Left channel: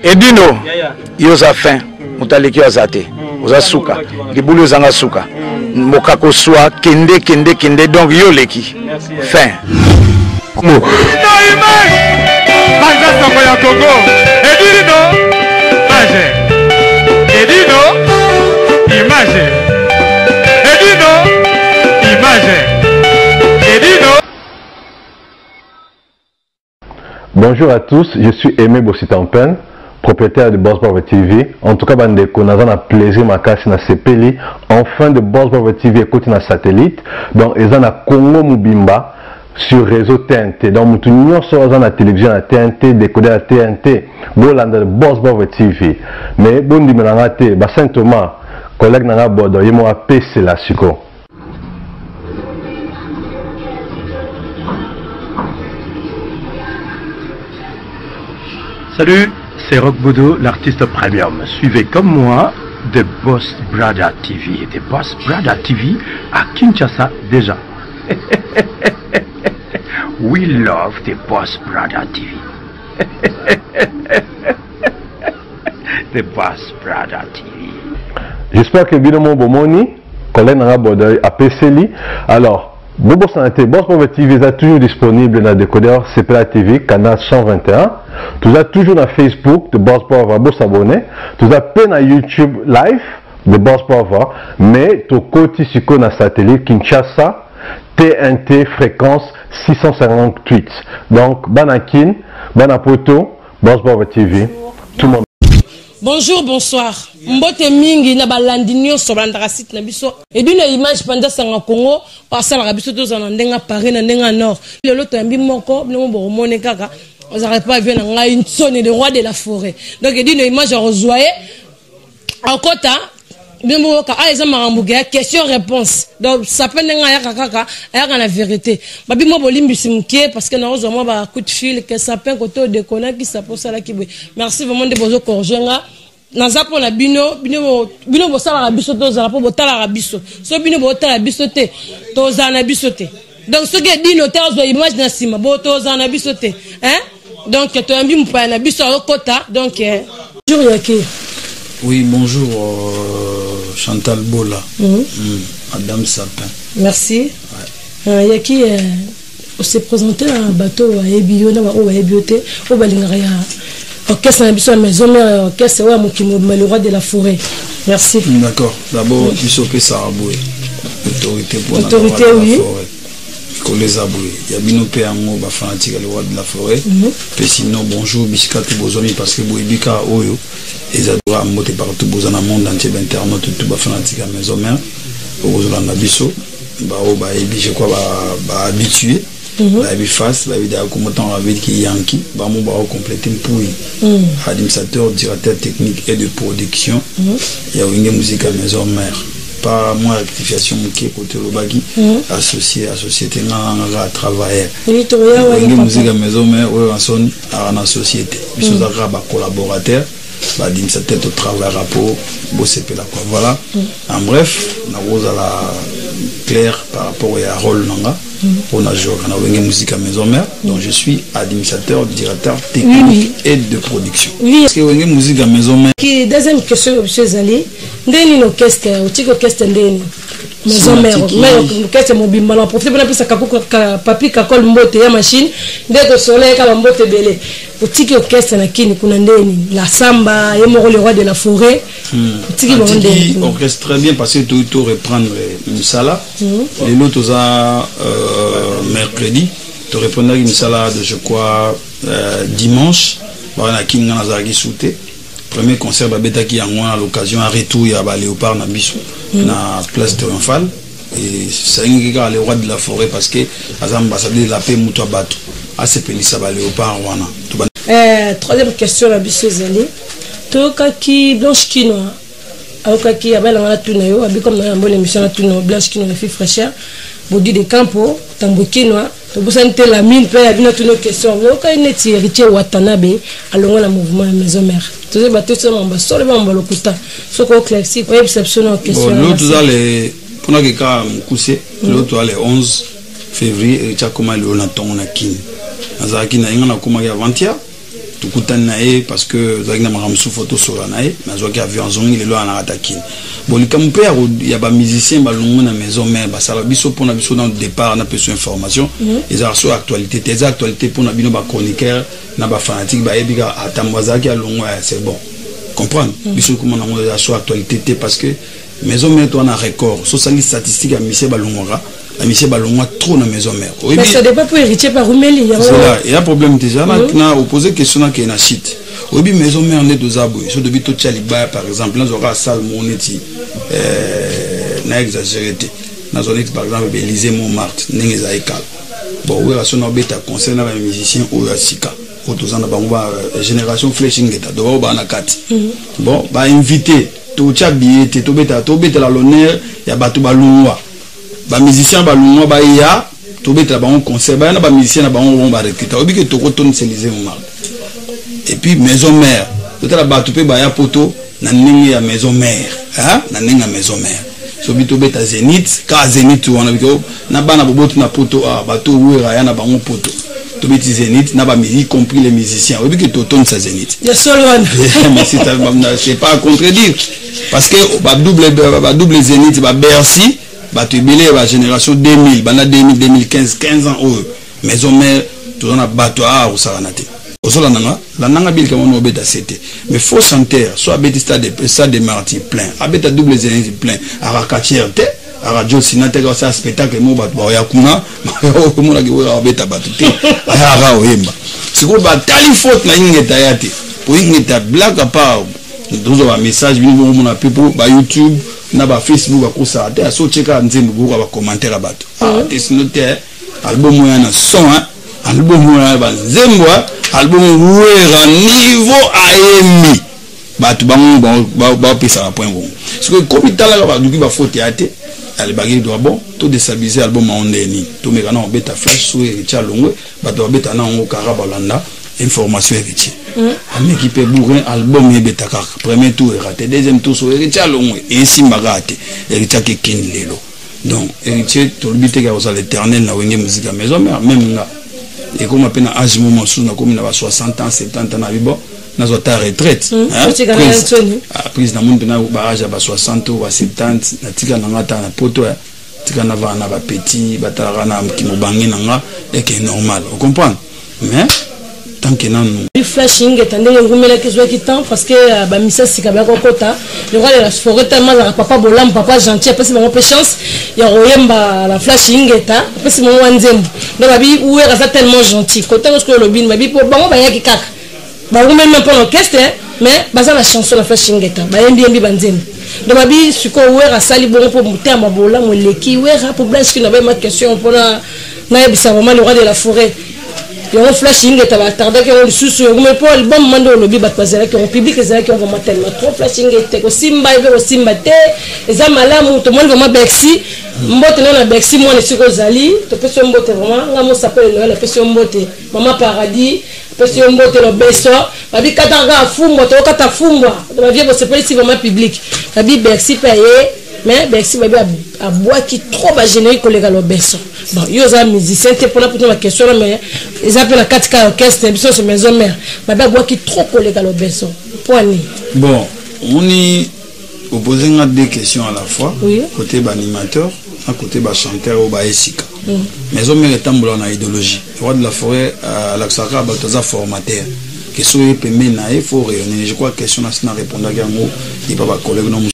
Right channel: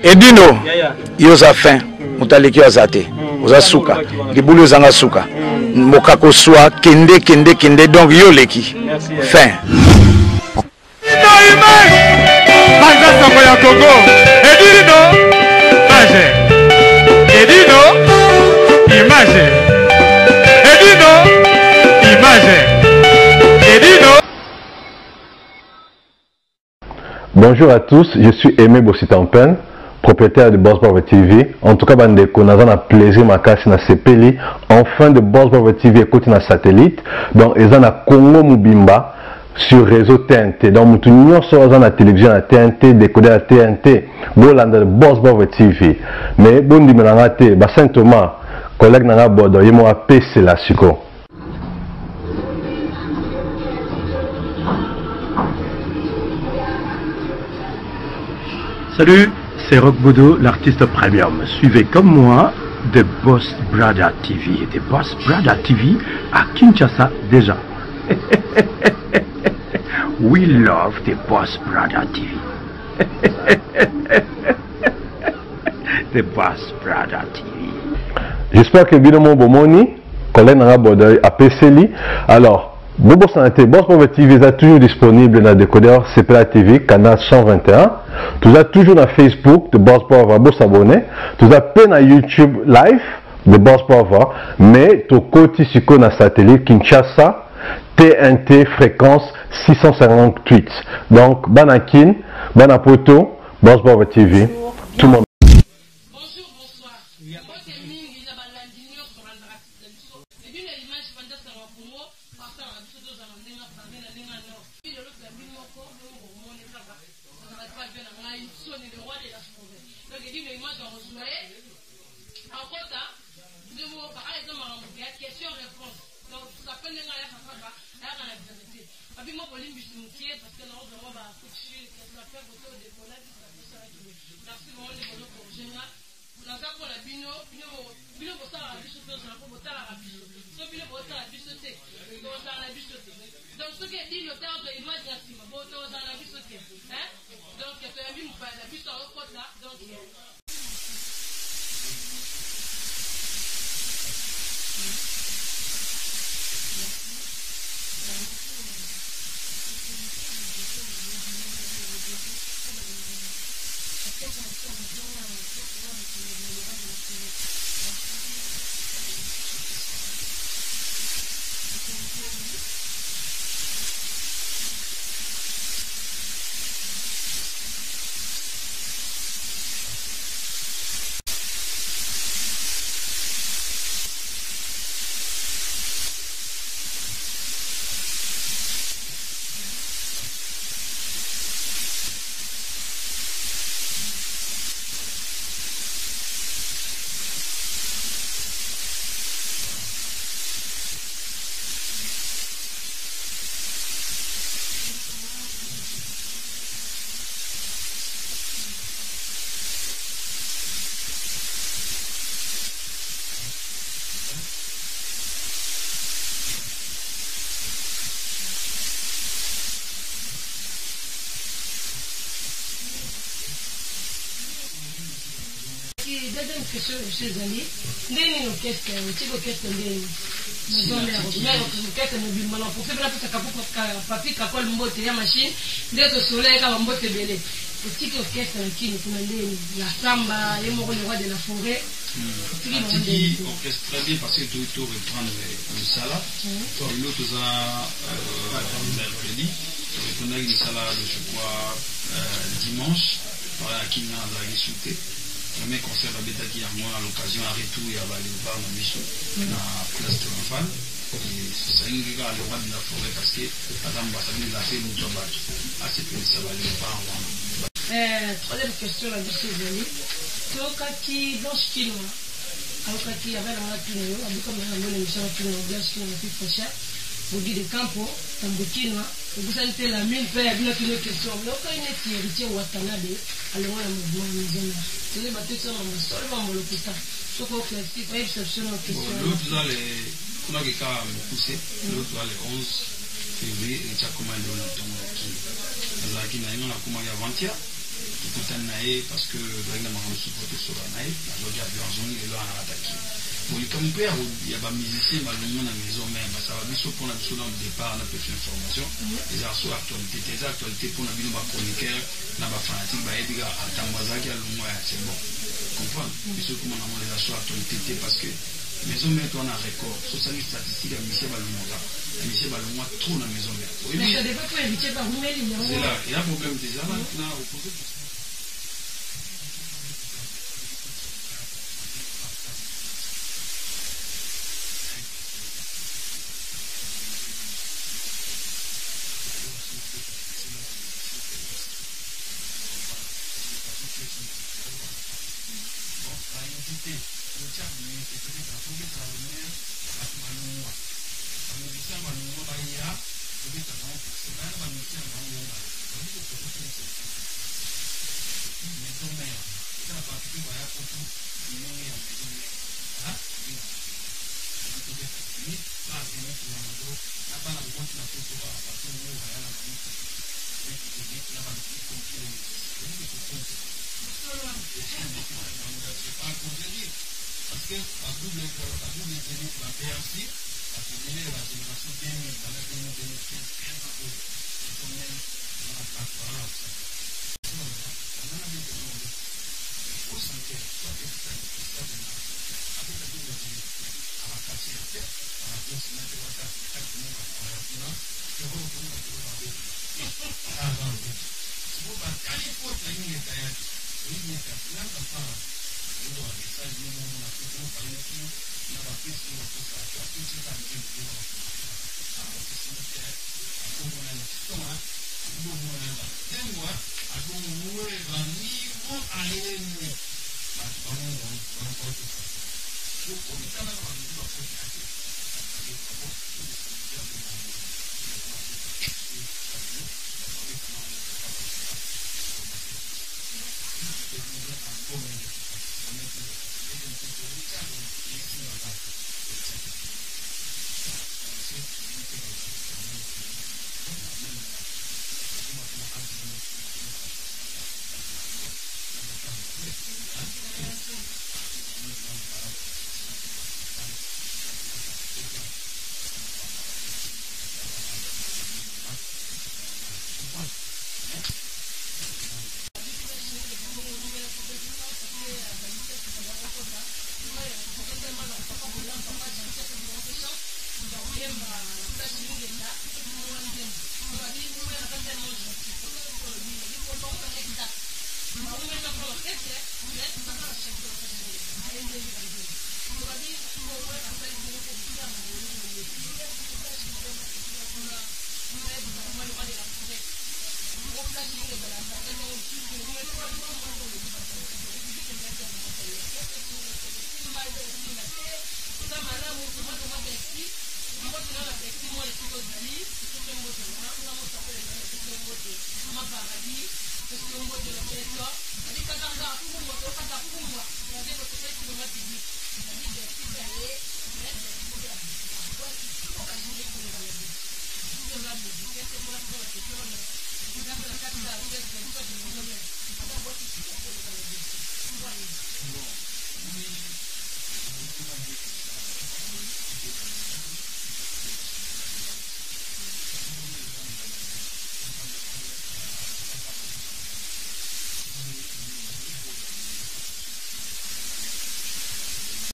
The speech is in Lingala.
Edino, yoza fin, mutaleki azate, oza suka, libulu zanga suka, mokako swa, kende, donc yoleki, fin. Bonjour à tous, je suis Aimé Bossitampen, propriétaire de Boss Brother TV. En tout cas, on a un plaisir ma casse na CPLI. Enfin de Boss Brother TV écoute na satellite. Donc, ils ont na Congo Mubimba sur réseau TNT. Donc, nous sommes na télévision à TNT, décoder à TNT. Bolanda de Boss Brother TV. Mais bon di menangate, ba Saint Thomas, collègue na bodo, ils m'ont appelé la suko. Salut, c'est Rock Bodo, l'artiste premium. Suivez comme moi The Boss Brother TV. The Boss Brother TV à Kinshasa déjà. We love The Boss Brother TV. The Boss Brother TV. J'espère que Binomon Bomoni, collègue Nara Bodoy, a PCLI. Alors, Bobo Santé, Boss Brother TV est toujours disponible dans le décodeur CPLA TV, canal 121. Tu as toujours dans Facebook de Boss Brother, vous s'abonner. Tu as peine à YouTube live de Boss Brother, mais tu côté sur le satellite Kinshasa, TNT fréquence 658. Donc, Banakin, Banapoto, Boss Brother TV, tout le monde. Bonjour, bonsoir. Mbote mingi na balandi nyonso balandaka site na biso. Et d'une image pendant sanga Congo, pasala biso to za ndenga Paris na ndenga Nord. Lelo to yambi moko, bino bo mone kaka. Vous n'arrivez pas à venir dans une zone de roi de la forêt. Donc il dit une image à rejoindre. En quota, bien bon, ils ont question-réponse. Donc ça peut être la vérité. Babi moi bolimbi simké parce que nous avons un coup de fil que ça peut côté de connaître qui ça pour ça là qui. Merci vraiment de vos corrigenga. Naza pour la bino bo sala la biso to za pour botala la biso. So bino botala la biso te. To za na biso te. Donc ce qui dit notaire zo image na sima bo to za na biso te. Hein? Donc tu as mis mon na biso au quota. Donc bonjour Yaki. Oui, bonjour Chantal Bola, Madame Sapin. Merci. Ouais. Yaki, on s'est présenté à un bateau à Ebio, à Ebioté, au Balingaya. Orchestre à maison, mais orchestre, le roi de la forêt. Merci. D'accord. D'abord, tu sais ça a boué. Autorité pour autorité, oui. Les aboués. Il y a bien un mot fanatique le roi de la forêt. Et sinon, bonjour, biscuit, bozomi, parce que Boibika, Oyo. Et ça doit monter partout dans le monde entier d'internet tout bas fanatique à maison mère au besoin d'abisso bah je crois habitué la vie face la vidéo comme tant la vie qui Yankee bah mon bah compléter pour administrateur directeur technique et de production il y a une musique à maison mère pas moins rectification qui est côté le bagui associé à société à travailler une musique à maison mère ou en son à la société ils sont à collaborateurs bah d'une certaine au travail rapport bosser là quoi voilà en bref na rose à la claire par rapport à rôle nanga on a joué on a une musique à maison mère donc je suis administrateur directeur technique et de production parce que une musique à maison mère qui deuxième question monsieur Zali ndeni no orchestre utiko orchestre ndeni maison mère mais orchestre mobimba na profiter pour ça papi kakol mbote ya machine ndeko soleil kala mbote belé utiki orchestre na kini kuna ndeni la samba yemoko le roi de la forêt utiki bon ndeni orchestre très bien parce que tout reprendre une sala et l'autre mercredi tu reprendre une sala de je crois dimanche voilà kinga na zagi souté premier concert babeta qui a l'occasion à retour il y a léopard na biso na place triomphale et c'est un le roi de la forêt parce que as ambassadeur de la paix muto bato a se penisa ba léopard wana troisième question la biso Zali to kaki blanche kino akaki abana wana tuna yo abi comme na bonne émission na tuna blanche kino na fille fraîcheur bodi de campo tambokino to busante la mine pe abina tuna question yo ka neti héritier Watanabe alonga na mouvement maison mère tous les bateaux sont en bas sur le bambou lokuta soko classique ouais exceptionnel question l'autre allez pour na ka mkuse l'autre allez 11 février et tu as comment le na tonga na kin azaki na inga na kuma ya 20 tukutani na ye parce que zaki na makamsu photo sur na ye na zoki avion zongi lelo ana attaquer bon likampe ya ba musicien balungu na maison mère basala biso pona biso dans le départ na besoin information ils ont sur actualité des actualités pour na bino ba chroniqueur na ba fanatique ba ebika atamwazaki alungu c'est bon comprendre biso comment na sur actualité parce que maison mère toi na record so sali statistique à monsieur balungoka la monsieur balungoa trop na maison mère mais ça dépend pour héritier par Rumeli c'est là il y a problème déjà là na opposer question na ke na shit obi maison mère on est deux abou so de bito chaliba par exemple là aura salle moneti na exagéré na zone par exemple Élysée Montmartre ndenge za ekal bon oui raison na beta concert na ba musicien o ya sika otozana ba génération flashing eta do ba na kati bon ba invité to chabié to beta la l'honneur ya batu balungwa ba musicien balungwa ba ya to beta ba on concert ba na ba musicien na ba on ba recruter obi ke to ko ton Élysée Montmartre et puis maison mère peut la batu pe ba ya poto na ndenge ya maison mère hein na ndenge ya maison mère so bito beta Zénith ka Zénith wana biko na bana bobotu na poto bato wera ya na bango poto to beti Zénith na ba y compris les musiciens obi ke to ton sa Zénith ya solo mais c'est pas à contredire parce que ba double Zénith ba Bercy ba to belé ba génération 2000 bana 2000 2015 15 ans maison mère to na bato au saranate osola nanga la nanga bil comme on beta c'était mais faut sentir soit beti stade de martyrs plein abeta double Zénith plein à Rakatierte à radio sinate ko ça spectacle mo bat ba ya kuna mo na kiwa beta batute aya oyemba siko ba tali faute na ingeta yate pour ingeta blague à part dozo ba message bino mo na people ba YouTube na ba Facebook ba ko sa ate so cheka nzembo ko ba commentaire bato te sinote album ya na son album ya ba nzembo album wera niveau aemi batu ba pesa ba point bon parce que comme itala ba duki ba faute yate ale bagi doit bon tout déstabiliser album ondeni to meka na beta flash sur Richard Longwe batu beta na ngo karabalanda information héritier ami qui peut bourrer album et beta kaka premier tour raté deuxième tour sur Richard Longwe et simba raté héritier ke kin lelo donc héritier to bité ka aux l'éternel na wenge musique maison mais même nga et comme appelle âge moment sous na comme na 60 ans 70 ans na bibo na zota retraite prise na monde na barrage ba 60 ou 70 na tika na ngata na poto tika na va na ba petit batara na kimobangi nanga et que normal on comprend mais tant que non flashing etande ngumela kizwa kitan parce que ba misa sika ba kokota le roi de la forêt tellement la papa bolam papa gentil parce que mon chance ya royemba la flashing eta parce que mon wanzembo donc babi ou est tellement gentil côté parce que le bin babi pour bango ba yaki kaka ba même pas l'orchestre mais baza la chanson la flashing eta ba yembi banzembo donc babi suko ou est sali bon pour monter à mabola mo leki ou est pour blanche qui n'avait ma question pour na yebisa vraiment le roi de la forêt yo flashing eta ba tarda ke on susu yo me pour album mando lobi ba kwazela ke on public ezala ke on vraiment tellement trop flashing eta ko simba ibe ko simba te eza malamu to mo vraiment Bexi mbote na Bexi mo ne siko zali to peso mbote vraiment nga mo s'appelle le peso mbote mama paradis peso mbote lo beso babi katanga fumbo to kata fumbo ba vie bo s'appelle si vraiment public babi Bexi paye mais Bexi babi a bois qui trop ba générique collègue lo beso bon yo za musicien te pour la question mais ils appellent la 4K orchestre biso sur maison mère babi a bois qui trop collègue lo beso point bon on y opposé à deux questions à la fois oui. Côté animateur à côté chanteur ou esika maison mère est tambola na idéologie roi de la forêt à l'axaka bataza formateur question est pemé na il faut rayonner je crois question na répondre à ngo il pas collègue non